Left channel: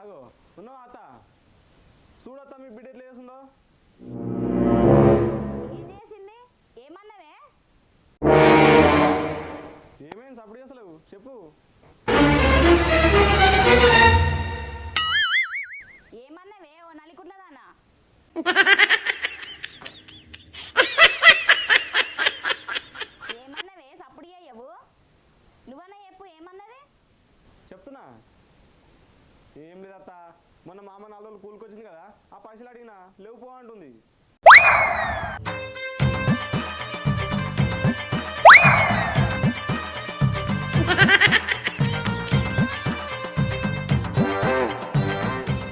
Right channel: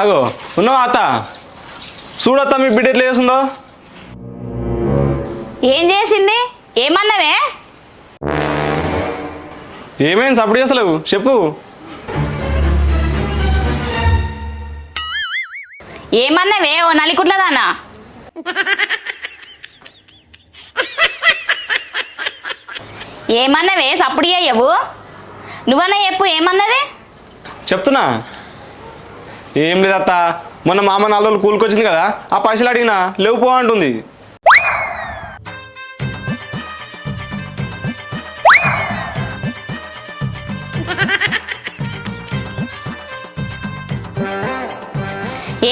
అగో ఉన్నావా అత్త? చూడత్త మీ బిడ్డ ఎట్లా చేస్తుందో. ఏం చేసింది? ఏమన్నావే? ఏమైంది సపోర్ట్ చేస్తలేవు చెప్పు. ఏమన్నావే ఓ నలికుట్లదానా? ఏమన్నావే సప్పుడు అయ్యవు? నువ్వన్నా చెప్పు ఏమన్నది? చెప్తున్నా. ఏం లేదత్త, మొన్న మామ 4 రోజులు కూలికొచ్చింది కదా, ఆ పైసలు అడిగినా లేవు పో అంటుంది.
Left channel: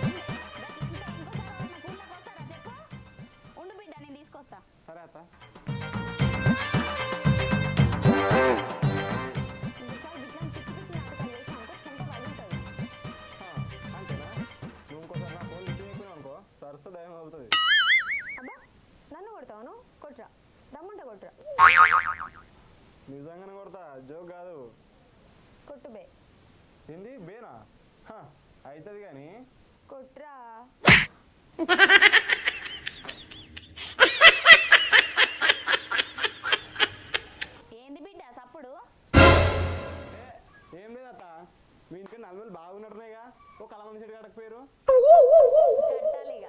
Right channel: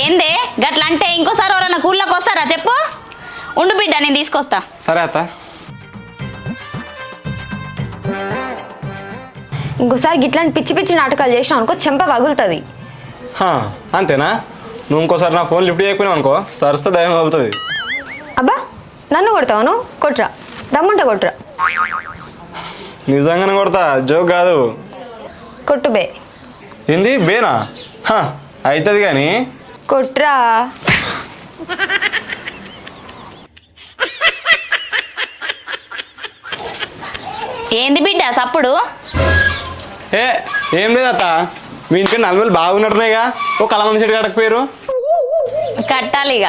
ఏందే గట్లంటే ఇంకోసారి ఎవరన్నా కూళ్ళకి వస్తారా చెప్పు? ఉండు బిడ్డ నేను తీసుకొస్తా. సరే అత్త. ఇంకోసారి గిట్లాంటి పిచ్చి పిచ్చి నాటకాలు చేసినావు అనుకో చెంప పగులుతుంది. అంతేనా? నువ్వు ఇంకోసారి నా ఫోన్ లిఫ్ట్ చేయకపోయినావు అనుకో సరస్తా దయం అవుతుంది. అబ్బా నన్ను కొడతావు నువ్వు? కొట్రా, దమ్ముంటే కొట్రా. నిజంగానే కొడతా, జోక్ కాదు. కొట్టు బే. ఏంది బేనా? అవుతుంది కానీ కొట్రా. ఏంది బిడ్డ సప్పుడు? ఏం లేదత్త, మీ ఇంటికి 40 బాగున్నట్టున్నాయిగా, ఓ కలమంది చెట్టు కట్టకపోయారు. కట్టాలి ఇక.